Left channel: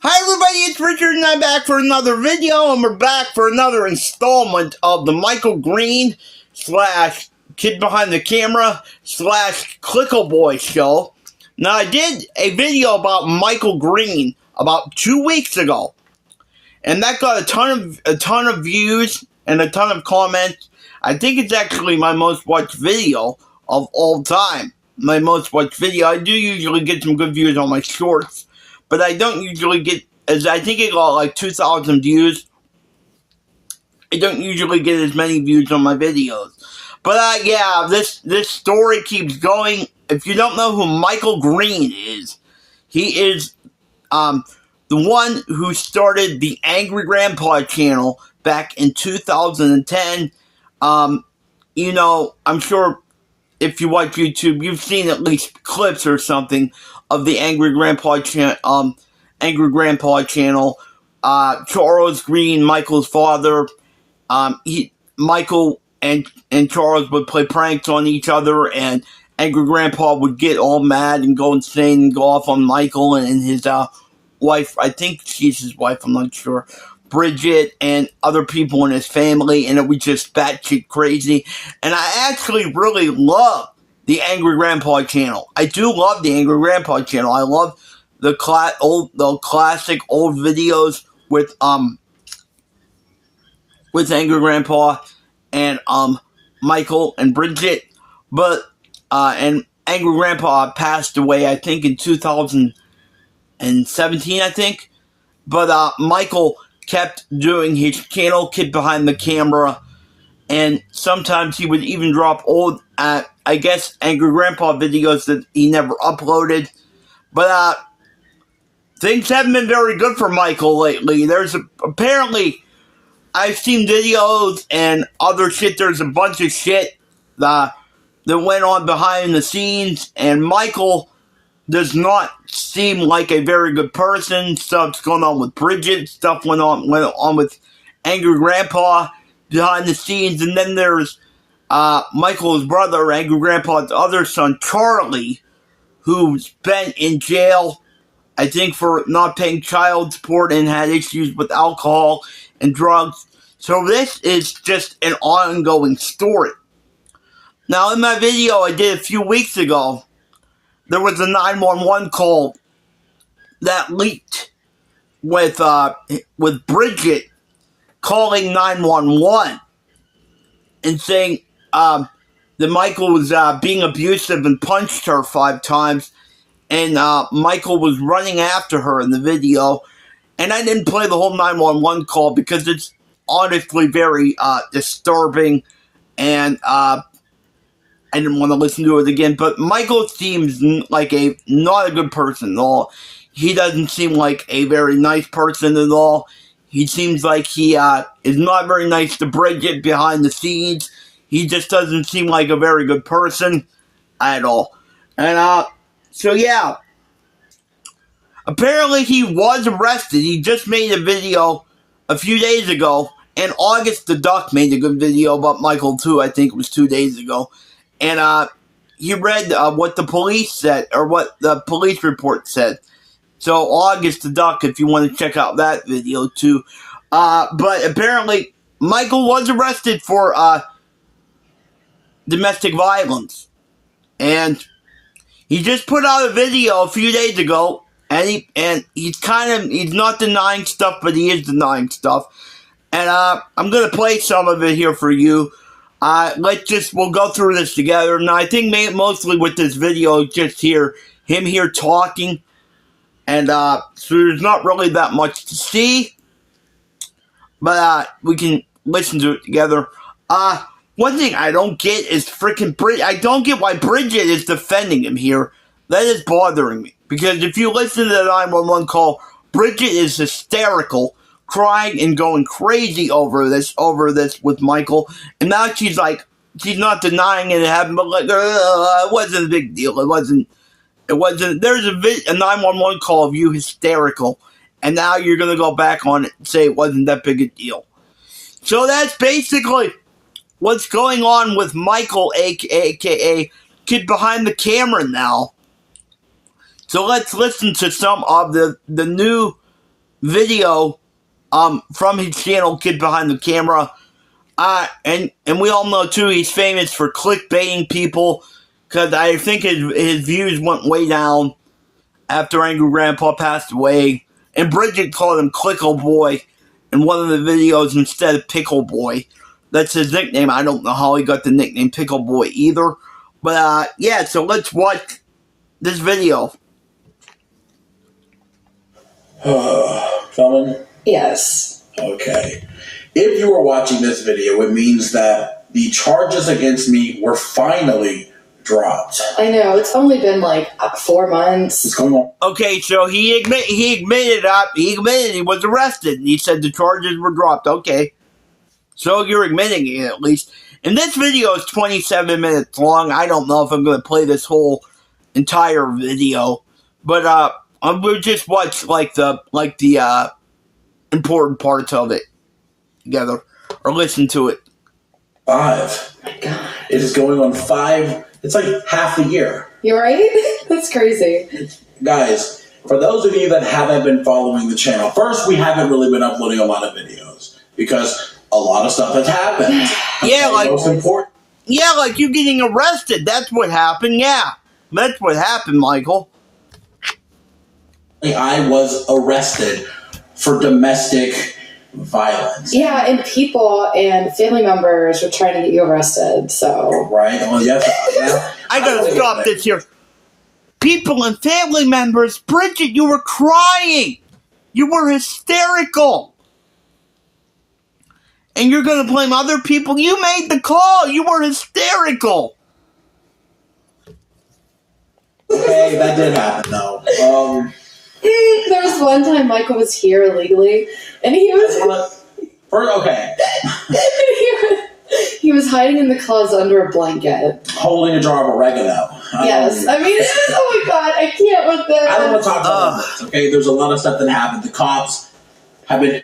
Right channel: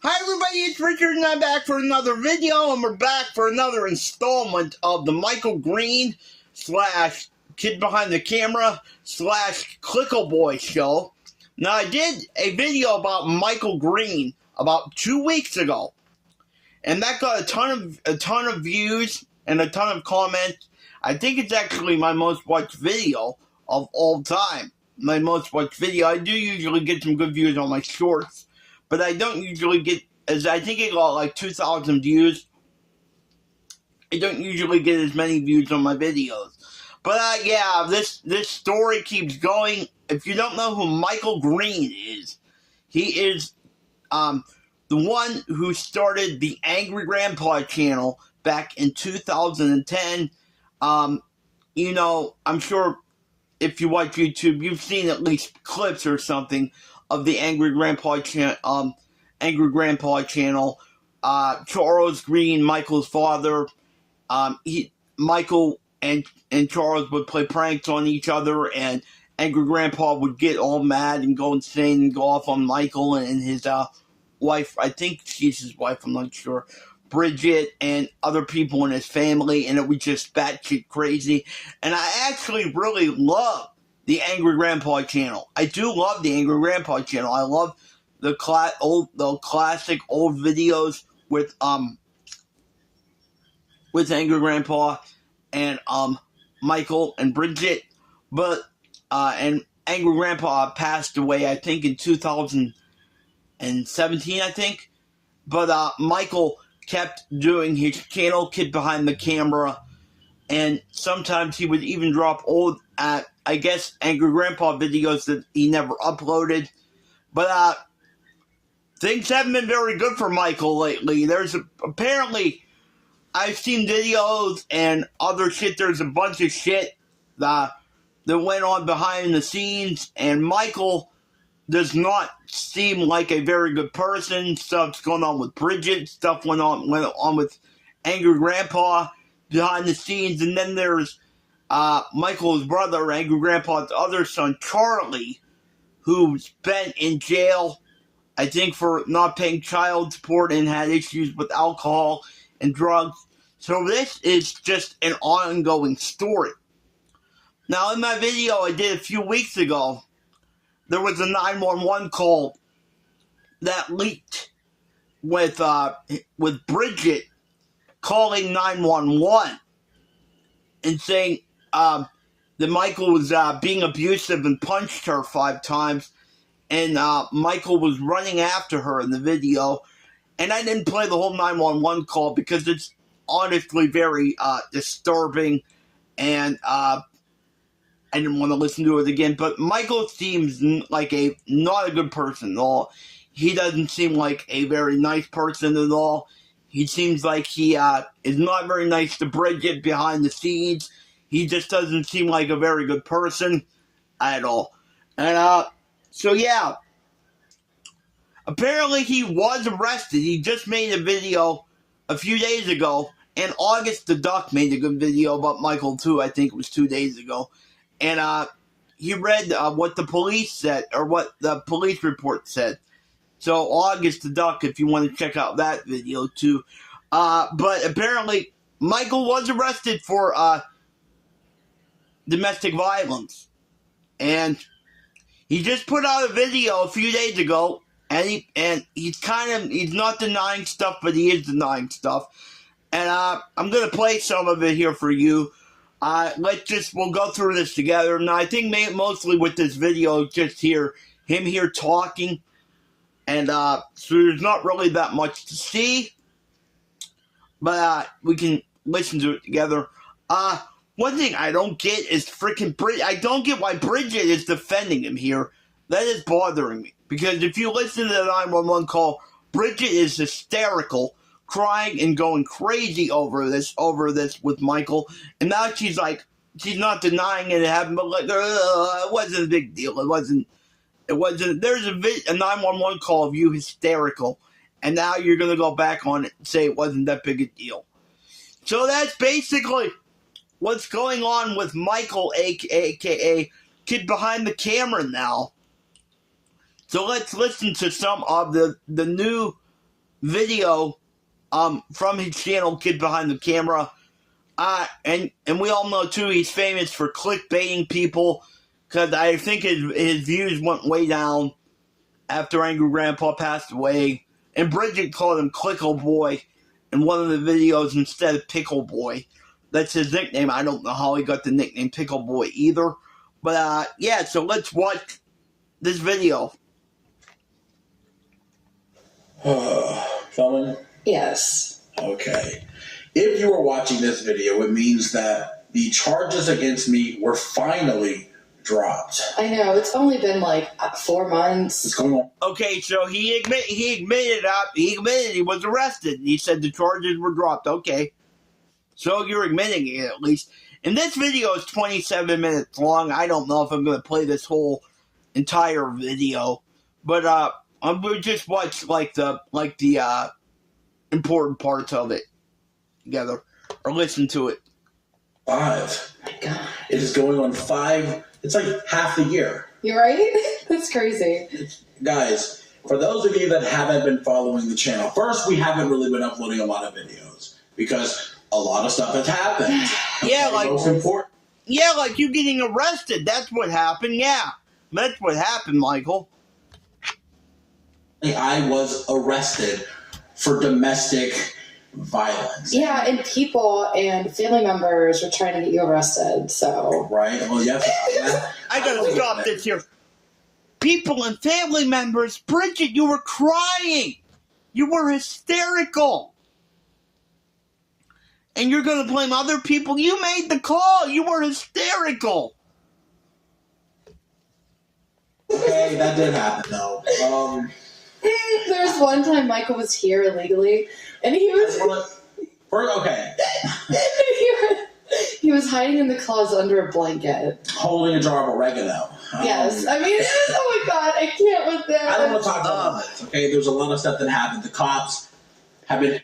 Hi everybody, it's Richard and I'm back for another video, and we're back for another installment of the Michael Green slash Kid Behind the Camera slash Clickle Boy show. Now I did a video about Michael Green about 2 weeks ago, and that got a ton of views and a ton of comments. I think it's actually my most watched video of all time. My most watched video. I do usually get some good views on my shorts, but I don't usually get, as I think it got like 2,000 views. I don't usually get as many views on my videos. But yeah, this story keeps going. If you don't know who Michael Green is, he is the one who started the Angry Grandpa channel back in 2010. You know, I'm sure if you watch YouTube, you've seen at least clips or something of the Angry Grandpa channel. Charles Green, Michael's father. Michael and Charles would play pranks on each other, and Angry Grandpa would get all mad and go insane and go off on Michael and his wife. I think she's his wife, I'm not sure. Bridget and other people in his family, and it was just batshit crazy. And I actually really love the Angry Grandpa channel. I do love the Angry Grandpa channel. I love the classic old videos with Angry Grandpa and Michael and Bridget. But and Angry Grandpa passed away, I think, in 2017, I think. But Michael kept doing his channel, Kid Behind the Camera, and sometimes he would even drop old, I guess, Angry Grandpa videos that he never uploaded. But things haven't been very good for Michael lately. Apparently, I've seen videos and other shit. There's a bunch of shit that went on behind the scenes, and Michael does not seem like a very good person. Stuff's going on with Bridget. Stuff went on with Angry Grandpa behind the scenes. And then there's Michael's brother, Angry Grandpa's other son, Charlie, who's been in jail, I think, for not paying child support and had issues with alcohol and drugs. So this is just an ongoing story. Now, in my video I did a few weeks ago, there was a 911 call that leaked with Bridget calling 911 and saying that Michael was being abusive and punched her 5 times, and Michael was running after her in the video. And I didn't play the whole 911 call because it's honestly very disturbing, and I didn't want to listen to it again. But Michael seems like not a good person at all. He doesn't seem like a very nice person at all. He seems like he is not very nice to Bridget behind the scenes. He just doesn't seem like a very good person at all. And so yeah, apparently he was arrested. He just made a video a few days ago, and August the Duck made a good video about Michael too. I think it was 2 days ago. And he read what the police said, or what the police report said. So August the Duck, if you want to check out that video too. But apparently Michael was arrested for domestic violence. And he just put out a video a few days ago, and he's not denying stuff, but he is denying stuff. And I'm gonna play some of it here for you. We'll go through this together. Now, I think mostly with this video, just him here talking, and so there's not really that much to see, but we can listen to it together. One thing I don't get is freaking Bridget. I don't get why Bridget is defending him here. That is bothering me, because if you listen to the 911 call, Bridget is hysterical, crying and going crazy over this with Michael. And now she's not denying it happened, but like, it wasn't a big deal. It wasn't. There's a 911 call of you hysterical, and now you're gonna go back on it and say it wasn't that big a deal. So that's basically what's going on with Michael, aka Kid Behind the Camera now. So let's listen to some of the new video from his channel, Kid Behind the Camera. And we all know, too, he's famous for clickbaiting people, because I think his views went way down after Angry Grandpa passed away. And Bridget called him Clickle Boy in one of the videos instead of Pickle Boy. That's his nickname. I don't know how he got the nickname Pickle Boy either. But, yeah, so let's watch this video. Filming? Yes. Okay. If you were watching this video, it means that the charges against me were finally dropped. I know. It's only been like 4 months. What's going on? Okay, so he admitted he was arrested. He said the charges were dropped. Okay. So you're admitting it, at least. And this video is 27 minutes long. I don't know if I'm going to play this whole entire video. But we'll just watch like the important parts of it together, or listen to it. 5. Oh my God. It is going on 5. It's like half the year. You're right? That's crazy. Guys, for those of you that haven't been following the channel, first, we haven't really been uploading a lot of videos because a lot of stuff has happened. Yeah, like most important. Yeah, like you getting arrested. That's what happened. Yeah, that's what happened, Michael. I was arrested for domestic violence. Yeah, and people and family members were trying to get you arrested, so. Right? Well, yes. I gotta stop this here. People and family members, Bridget, you were crying. You were hysterical. And you're gonna blame other people? You made the call. You were hysterical. Okay, that did happen, though. There was one time Michael was here illegally, and he was... Okay. he was hiding in the closet under a blanket. Holding a jar of oregano. Yes. I mean, oh my God, I can't with this. I don't want to talk about this, okay? There's a lot of stuff that happened. The cops have been...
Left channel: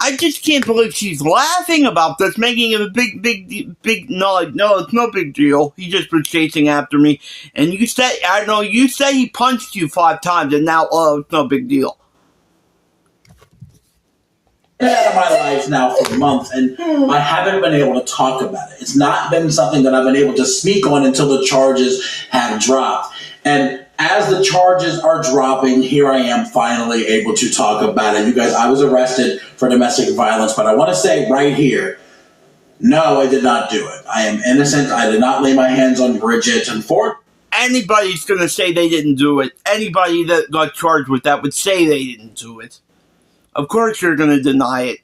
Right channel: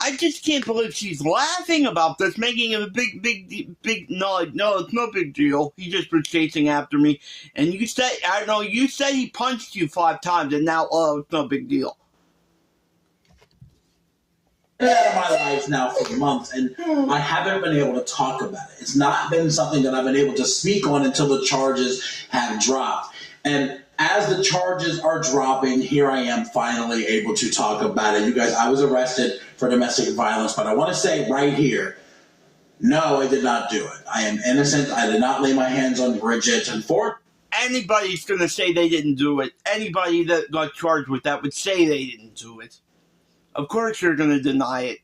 I just can't believe she's laughing about this, making it a big, no, it's no big deal. He just was chasing after me. And you said, I don't know, you said he punched you 5 times, and now, it's no big deal. Out of my life now for months, and I haven't been able to talk about it. It's not been something that I've been able to speak on until the charges have dropped. And as the charges are dropping, here I am finally able to talk about it. You guys, I was arrested for domestic violence, but I want to say right here, no, I did not do it. I am innocent. I did not lay my hands on Bridget. And for anybody's going to say they didn't do it. Anybody that got charged with that would say they didn't do it. Of course you're going to deny it.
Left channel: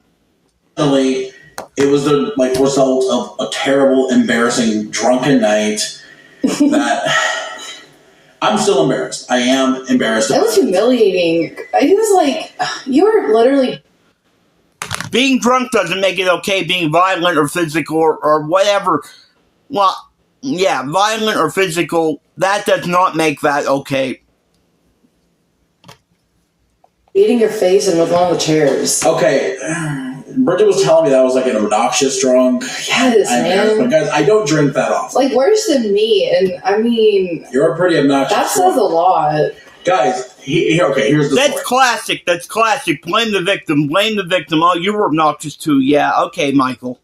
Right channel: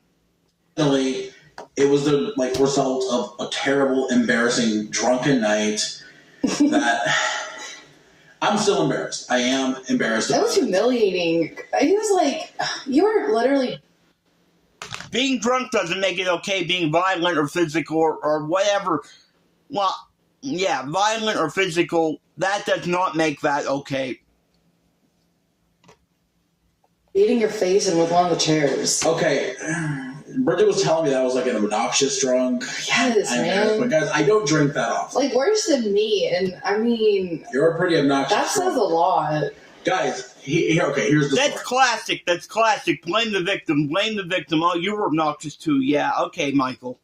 It was the result of a terrible, embarrassing, drunken night that... I'm still embarrassed. I am embarrassed. That was humiliating. He was like, you were literally... Being drunk doesn't make it okay. Being violent or physical or whatever. Well, yeah, violent or physical, that does not make that okay. Beating your face in with one of the chairs. Okay. Bridget was telling me that I was like an obnoxious drunk. Yes, man. But guys, I don't drink that often. Like worse than me, and I mean... You're a pretty obnoxious That says a lot. Guys, here's the That's story. classic. That's classic. Blame the victim. Blame the victim. Oh, you were obnoxious too. Yeah, okay, Michael.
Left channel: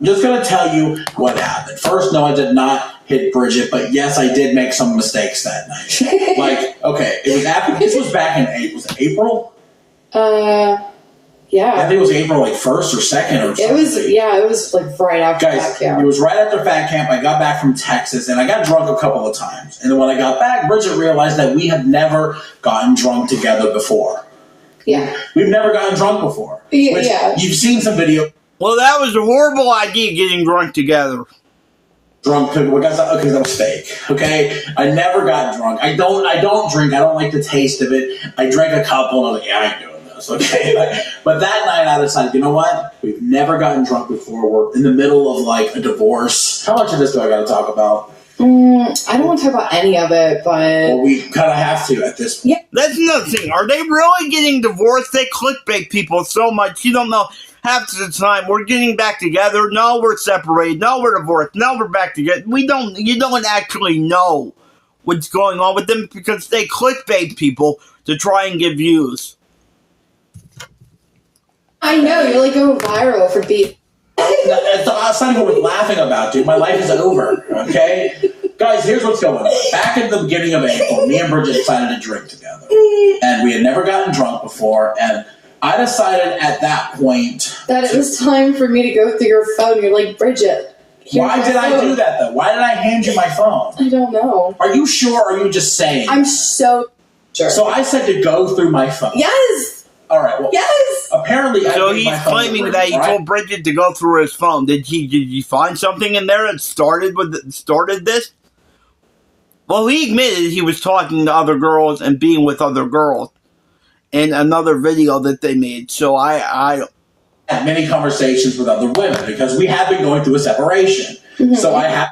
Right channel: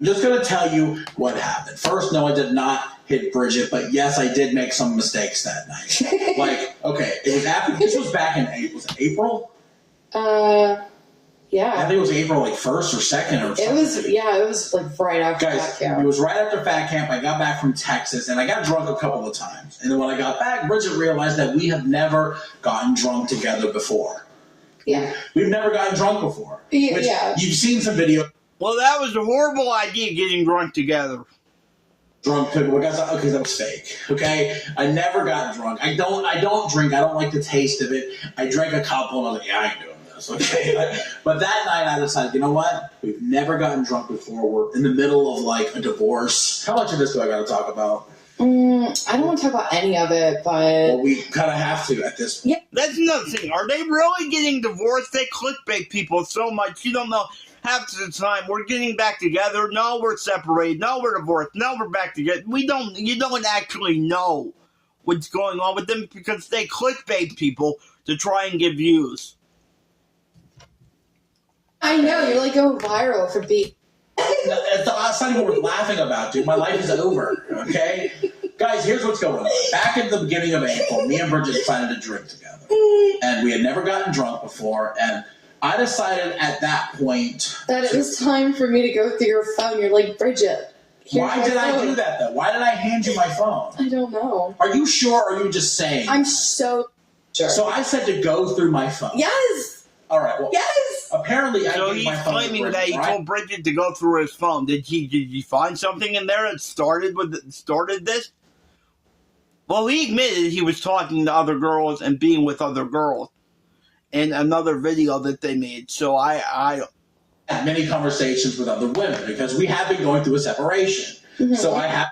I'm just going to tell you what happened. First, no, I did not hit Bridget, but yes, I did make some mistakes that night. It was after... This was back in April? Yeah. I think it was April 1st or 2nd or something. It was like right after Fat Camp. It was right after Fat Camp. I got back from Texas, and I got drunk a couple of times. And then when I got back, Bridget realized that we had never gotten drunk together before. Yeah. We've never gotten drunk before. Yeah. You've seen some video. Well, that was a horrible idea, getting drunk together. Drunk, because that was fake. Okay, I never got drunk. I don't drink. I don't like the taste of it. I drank a couple, and I was like, yeah, I ain't doing this. Okay, but that night I decided, you know what? We've never gotten drunk before. We're in the middle of like a divorce. How much of this do I got to talk about? I don't want to talk about any of it, but... Well, we kind of have to at this point. Yeah. That's another thing. Are they really getting divorced? They clickbait people so much. You don't know. Half of the time, we're getting back together. No, we're separated. No, we're divorced. No, we're back together. You don't actually know what's going on with them because they clickbait people to try and get views. I know, you're like going viral for being. It's not even worth laughing about, dude. My life is over, okay? Guys, here's what's going on. Back in the beginning of April, me and Bridget decided to drink together. And we had never gotten drunk before, and I decided at that point... that it was time for me to go through your phone. You're like, Bridget, why did I do that, though? Why did I hand you my phone? I don't know. Are you sure, or are you just saying? I'm so sure. So I said to go through my phone. Yes! All right, well... Yes! Apparently, so he's claiming that he told Bridget to go through his phone. Did he find something in there that started this? Well, he admitted he was talking to other girls and being with other girls in another video that they made. So I had many conversations with other women because we have been going through a separation. Mm-hmm. So I have.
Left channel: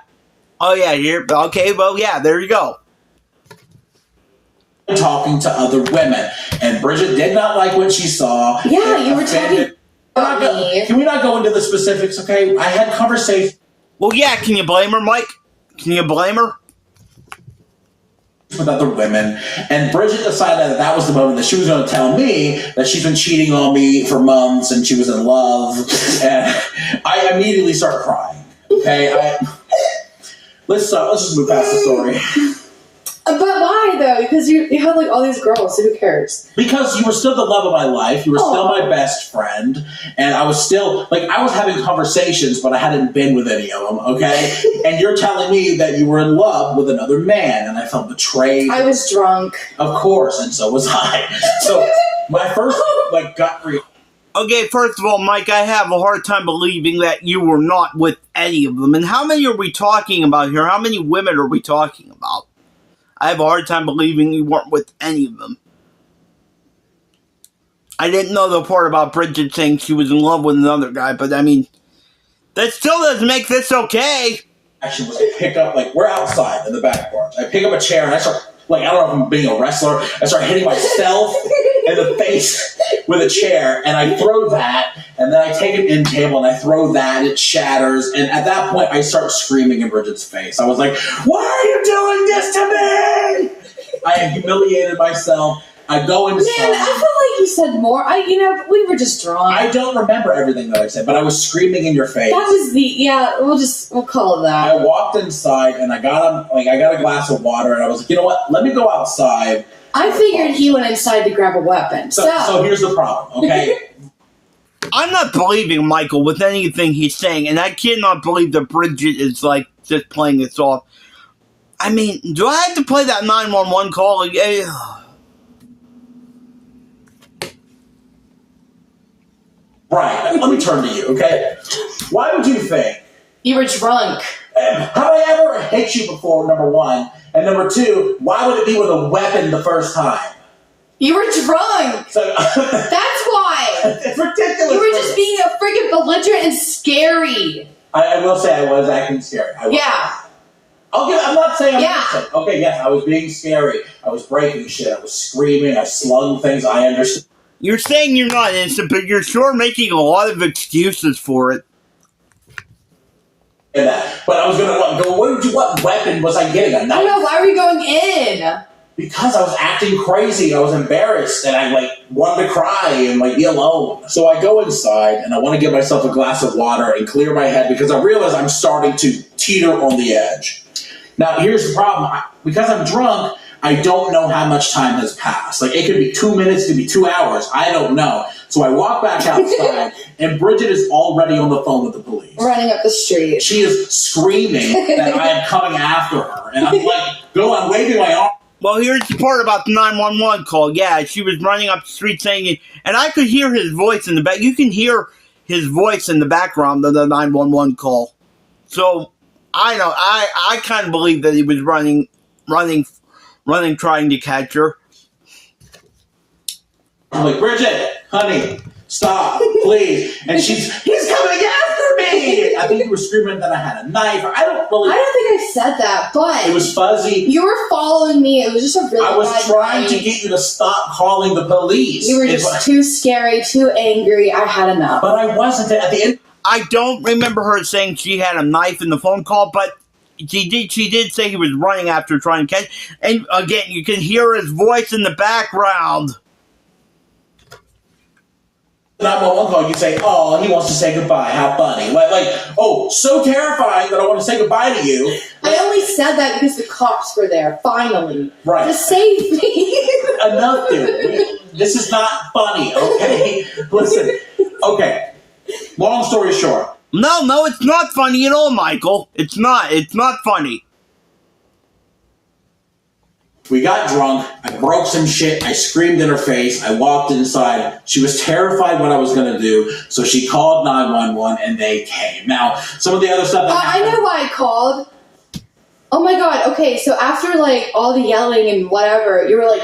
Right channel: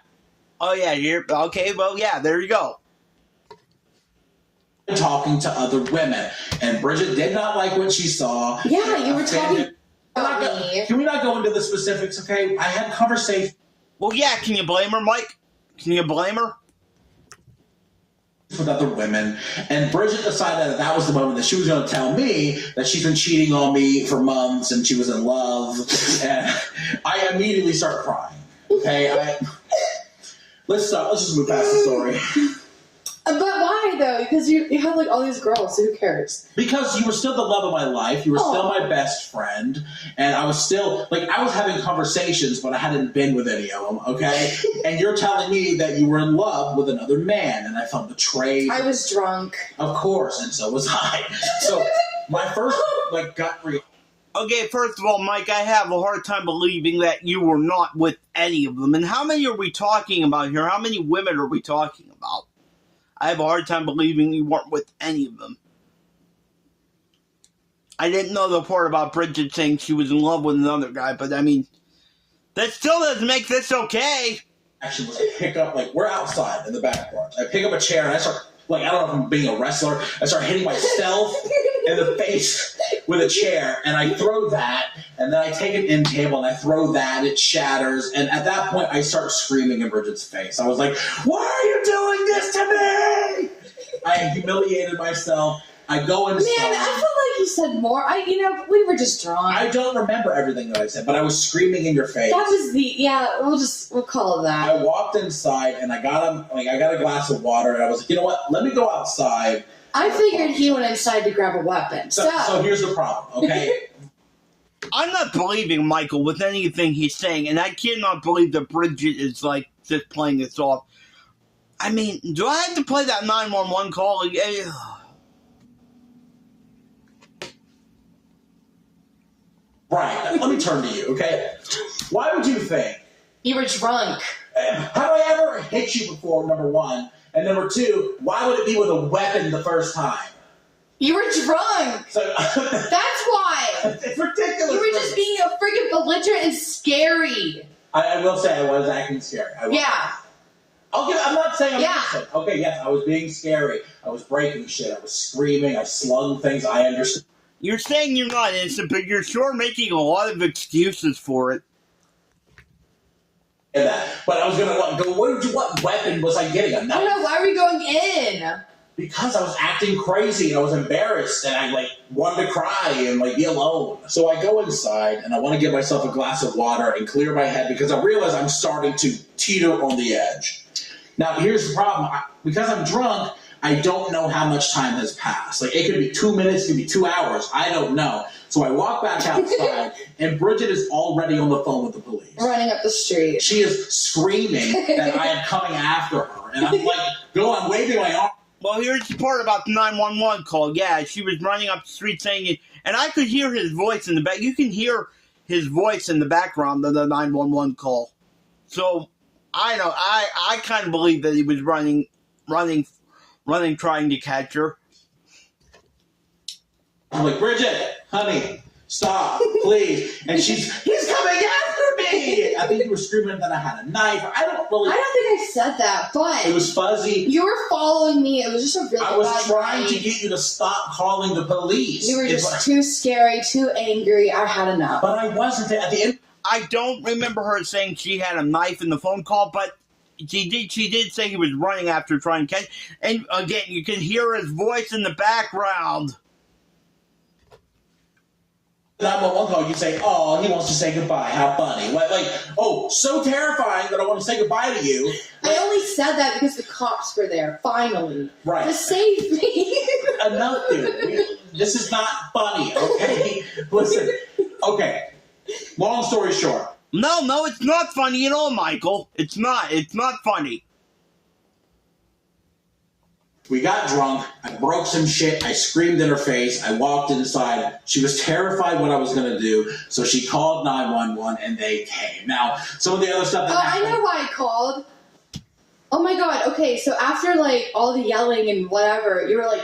Oh yeah, okay. Well, yeah, there you go. Talking to other women, and Bridget did not like what she saw. Yeah, you were talking about me. Can we not go into the specifics, okay? I had conversations. Well, yeah, can you blame her, Mike? Can you blame her? With other women, and Bridget decided that was the moment that she was going to tell me that she's been cheating on me for months and she was in love, and I immediately start crying. Okay, let's just move past the story. But why though? Because you had like all these girls, so who cares? Because you were still the love of my life. You were still my best friend, and I was still I was having conversations, but I hadn't been with any of them. Okay, and you're telling me that you were in love with another man, and I felt betrayed. I was drunk, of course, and so was I. So my first gut reaction. Okay, first of all, Mike, I have a hard time believing that you were not with any of them. And how many are we talking about here? How many women are we talking about? I have a hard time believing you weren't with any of them. I didn't know the part about Bridget saying she was in love with another guy, but I mean, that still doesn't make this okay. Actually, was I pick up, we're outside in the back porch. I pick up a chair and I start, I don't know if I'm being a wrestler, I start hitting myself in the face with a chair, and I throw that, and then I take an end table and I throw that, it shatters, and at that point I start screaming in Bridget's face. I was like, why are you doing this to me? I humiliated myself. I go inside. Man, I feel like you said more. We were just drunk. I don't remember everything that I said, but I was screaming in your face. That was we'll call it that. I walked inside and I got a glass of water, and I was like, you know what? Let me go outside. I figured he went inside to grab a weapon. So here's the problem, okay? I'm not believing Michael with anything he's saying, and I cannot believe that Bridget is just playing this off. I mean, do I have to play that 911 call again? Right. Let me turn to you, okay? Why would you think? You were drunk. Have I ever hit you before, number one? And number two, why would it be with a weapon the first time? You were drunk. So, that's why. It's ridiculous. You were just being a freaking belligerent and scary. I will say I was acting scary. Yeah. I'm not saying I'm innocent. Okay, yes, I was being scary. I was breaking shit. I was screaming. I slung things. I understood. You're saying you're not innocent, but you're sure making a lot of excuses for it. That. But I was going to go, what weapon was I getting? A knife? I don't know, why were you going in? Because I was acting crazy. I was embarrassed, and I wanted to cry and be alone. So I go inside, and I want to give myself a glass of water and clear my head because I realize I'm starting to teeter on the edge. Now, here's the problem. Because I'm drunk, I don't know how much time has passed. It could be 2 minutes, it could be 2 hours. I don't know. So I walk back outside, and Bridget is already on the phone with the police. Running up the street. She is screaming that I am coming after her. And I'm waving my arm. Well, here's the part about the 911 call. Yeah, she was running up the street saying it, and I could hear his voice in the back. You can hear his voice in the background of the 911 call. So, I know, I kind of believe that he was running, trying to catch her. I'm like, Bridget, honey, stop, please. And he's coming after me. I think you were screaming that I had a knife. I don't think I said that, but it was fuzzy. You were following me. It was just a really I was bad trying night. to get you to stop calling the police. You were just too scary, too angry. I had enough. But I wasn't at the end. I don't remember her saying she had a knife in the phone call, but she did say he was running after her trying to catch. And again, you can hear his voice in the background. 911 call, you say, "Oh, he wants to say goodbye. How funny!" Oh, so terrifying that I want to say goodbye to you. I only said that because the cops were there. Finally, right? To save me. Enough, dude. This is not funny, okay? Listen, okay. Long story short. No, it's not funny at all, Michael. It's not. It's not funny. We got drunk. I broke some shit. I screamed in her face. I walked inside. She was terrified what I was going to do, so she called 911 and they came. Now, some of the other stuff that I know why I called. Oh my god, okay, so after like all the yelling and whatever, you were like,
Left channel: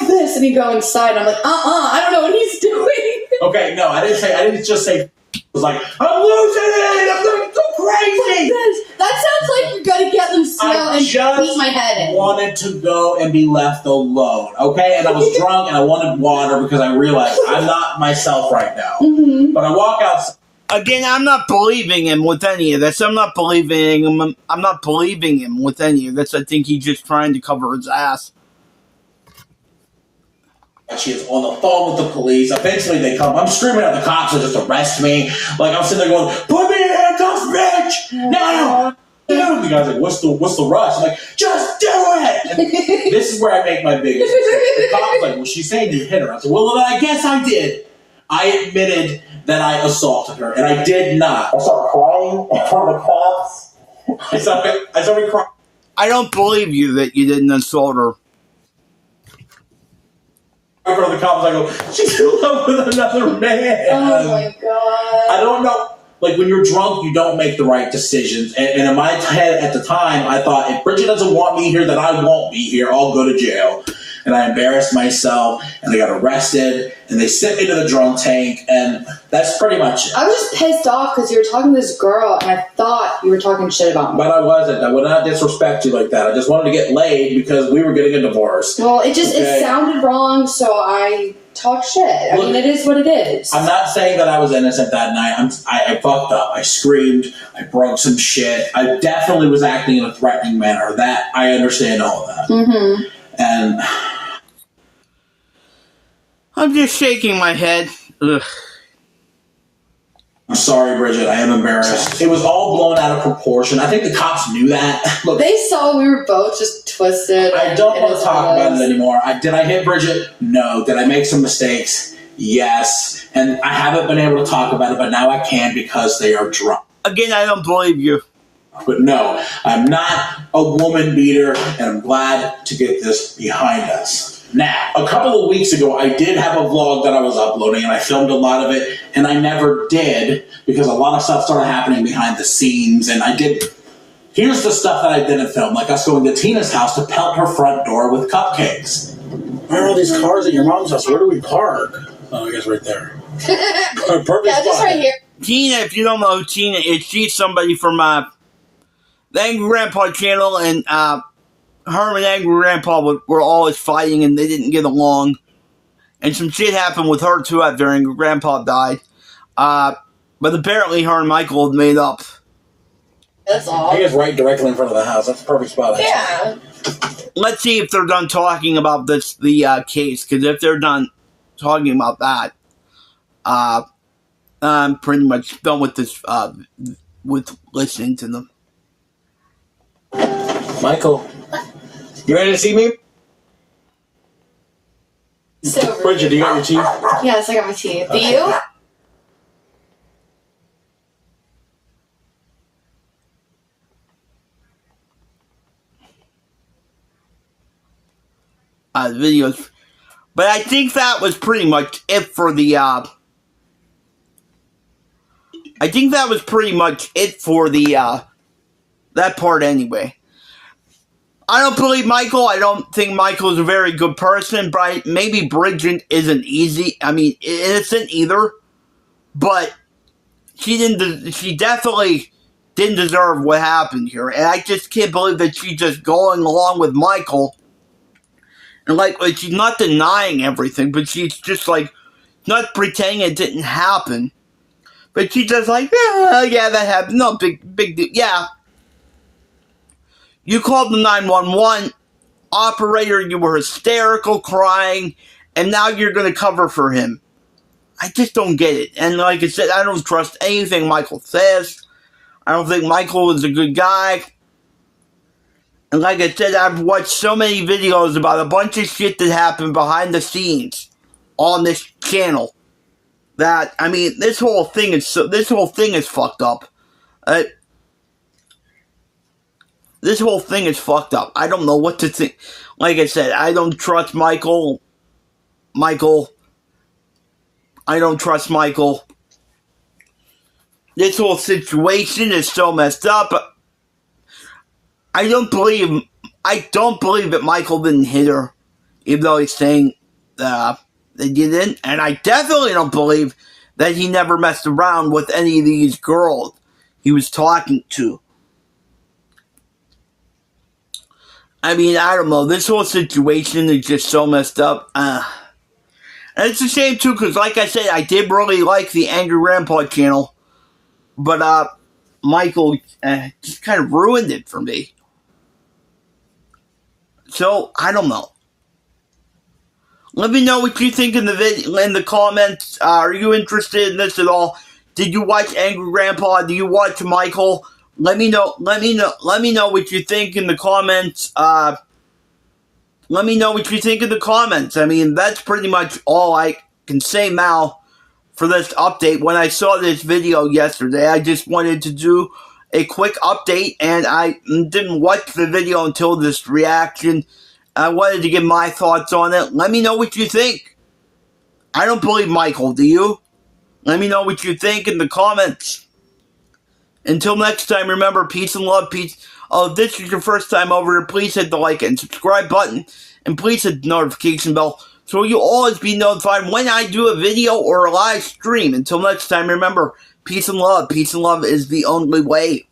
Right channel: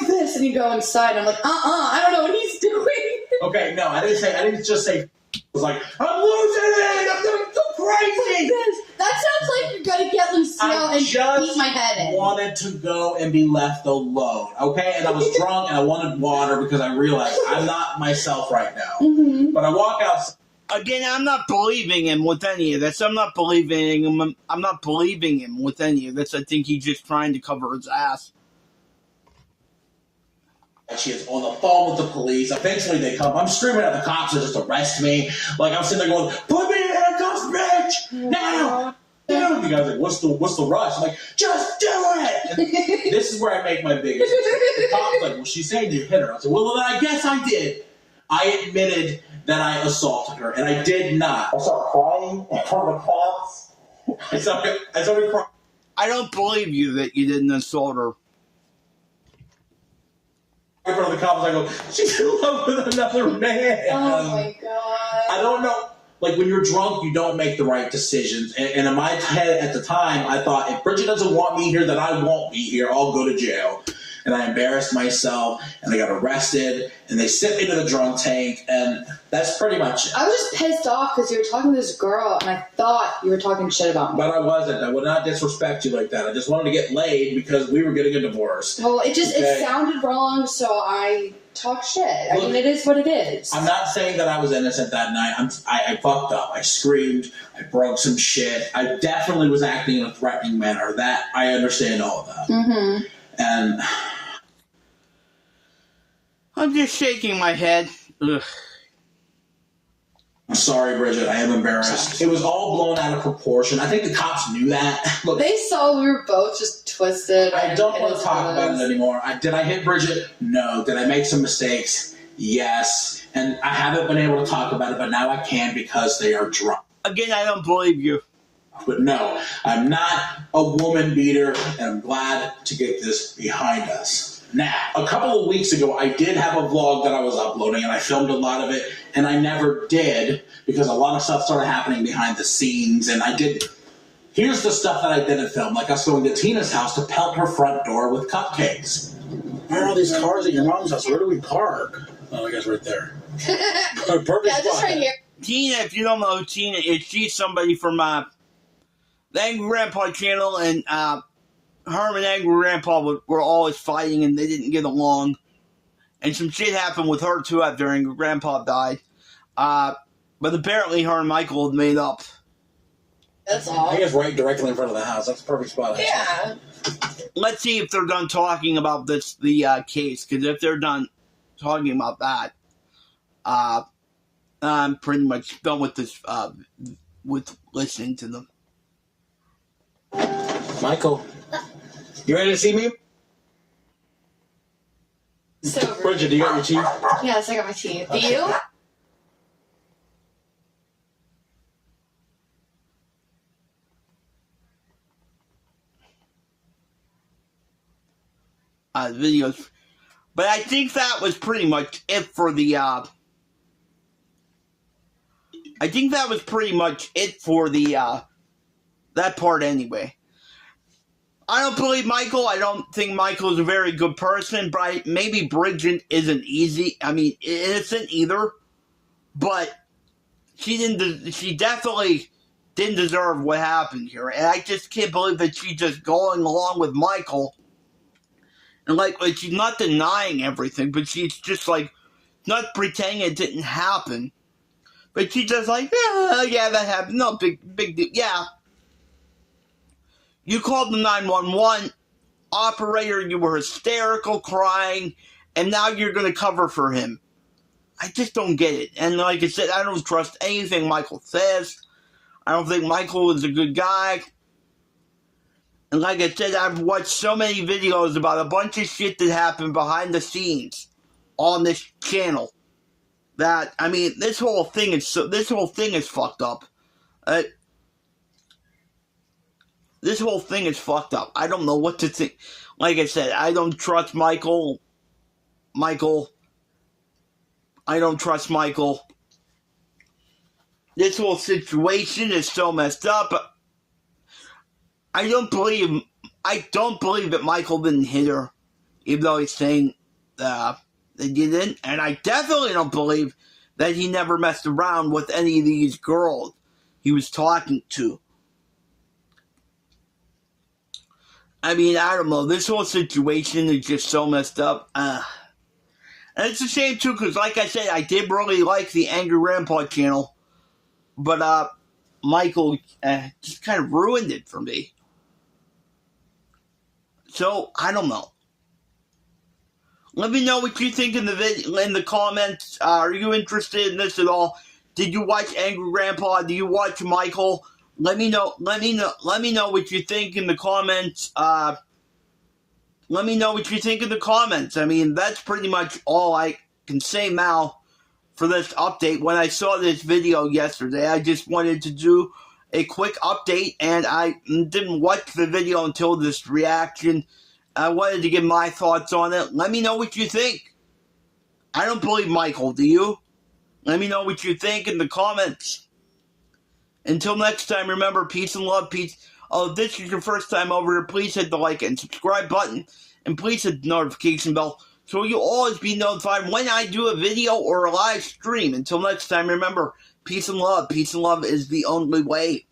this, and you go inside, and I'm like, I don't know what he's doing. Okay, no, I didn't just say, I was like, I'm losing it, I'm going so crazy. That sounds like you're gonna get Lucille and beat my head in. I wanted to go and be left alone, okay? And I was drunk and I wanted water because I realized I'm not myself right now. Mm-hmm. But I walk outside. Again, I'm not believing him with any of this. I'm not believing him with any of this. I think he's just trying to cover his ass. She is on the phone with the police. Eventually they come. I'm screaming at the cops to just arrest me. Like I'm sitting there going, "Put me in handcuffs, bitch! Now!" The guy's like, "What's the rush?" I'm like, "Just do it!" And this is where I make my biggest mistake. The cop's like, "Well, she's saying you hit her." I said, "Well, then I guess I did." I admitted that I assaulted her, and I did not. I started crying in front of the cops. I started crying. I don't believe you that you didn't assault her. In front of the cops, I go, "She's in love with another man." Oh my god. I don't know. Like, when you're drunk, you don't make the right decisions. And in my head at the time, I thought, if Bridget doesn't want me here, then I won't be here. I'll go to jail. And I embarrassed myself, and I got arrested, and they sent me to the drunk tank, and that's pretty much it. I was just pissed off because you were talking to this girl, and I thought you were talking shit about me. But I wasn't. I would not disrespect you like that. I just wanted to get laid because we were getting a divorce. Well, it sounded wrong, so I talk shit. I mean, it is what it is. I'm not saying that I was innocent that night. I fucked up. I screamed. I broke some shit. I definitely was acting in a threatening manner. That, I understand all of that. Mm-hmm. And I'm just shaking my head. Ugh. I'm sorry, Bridget. I am embarrassed. It was all blown out of proportion. I think the cops knew that. Look, they saw we were both just twisted. I don't want to talk about it anymore. Did I hit Bridget? No. Did I make some mistakes? Yes. And I haven't been able to talk about it, but now I can because they are drunk. Again, I don't believe you. But no, I'm not a woman beater, and I'm glad to get this behind us. Now, a couple of weeks ago, I did have a vlog that I was uploading, and I filmed a lot of it, and I never did because a lot of stuff started happening behind the scenes, and I did. Here's the stuff that I didn't film, like us going to Tina's house to pelt her front door with cupcakes. Where are all these cars at your mom's house? Where do we park? Oh, I guess right there. Perfect yeah, just right here. Tina, if you don't know who Tina is, she's somebody from the Angry Grandpa channel, and her and Angry Grandpa were always fighting, and they didn't get along. And some shit happened with her, too, after Angry Grandpa died. But apparently her and Michael had made up. That's all. He is right directly in front of the house. That's the perfect spot. Yeah. Let's see if they're done talking about the case, because if they're done talking about that, I'm pretty much done with this, with listening to them. Michael, you ready to see me? So Bridget, do you got your teeth? Yes, I got my teeth. Do Okay. you? Videos. But I think that was pretty much it for the, that part anyway. I don't believe Michael. I don't think Michael's a very good person, but maybe Bridget isn't innocent either. But she definitely didn't deserve what happened here. And I just can't believe that she's just going along with Michael. And like she's not denying everything, but she's just like not pretending it didn't happen. But she's just like, yeah, that happened. No big deal. Yeah. You called the 911 operator, you were hysterical, crying, and now you're going to cover for him. I just don't get it. And like I said, I don't trust anything Michael says. I don't think Michael is a good guy. And like I said, I've watched so many videos about a bunch of shit that happened behind the scenes on this channel that, I mean, this whole thing is fucked up. This whole thing is fucked up. I don't know what to think. Like I said, I don't trust Michael. I don't trust Michael. This whole situation is so messed up. I don't believe that Michael didn't hit her, even though he's saying they didn't. And I definitely don't believe that he never messed around with any of these girls he was talking to. I mean, I don't know. This whole situation is just so messed up. And it's a shame, too, because like I said, I did really like the Angry Grandpa channel. But Michael just kind of ruined it for me. So, I don't know. Let me know what you think in the comments. Are you interested in this at all? Did you watch Angry Grandpa? Do you watch Michael? Let me know what you think in the comments. Let me know what you think in the comments. I mean, that's pretty much all I can say now for this update. When I saw this video yesterday, I just wanted to do a quick update, and I didn't watch the video until this reaction. I wanted to give my thoughts on it. Let me know what you think. I don't believe Michael, do you? Let me know what you think in the comments. Until next time, remember, peace and love, peace. If this is your first time over here, please hit the like and subscribe button. And please hit the notification bell so you'll always be notified when I do a video or a live stream. Until next time, remember, peace and love. Peace and love is the only way.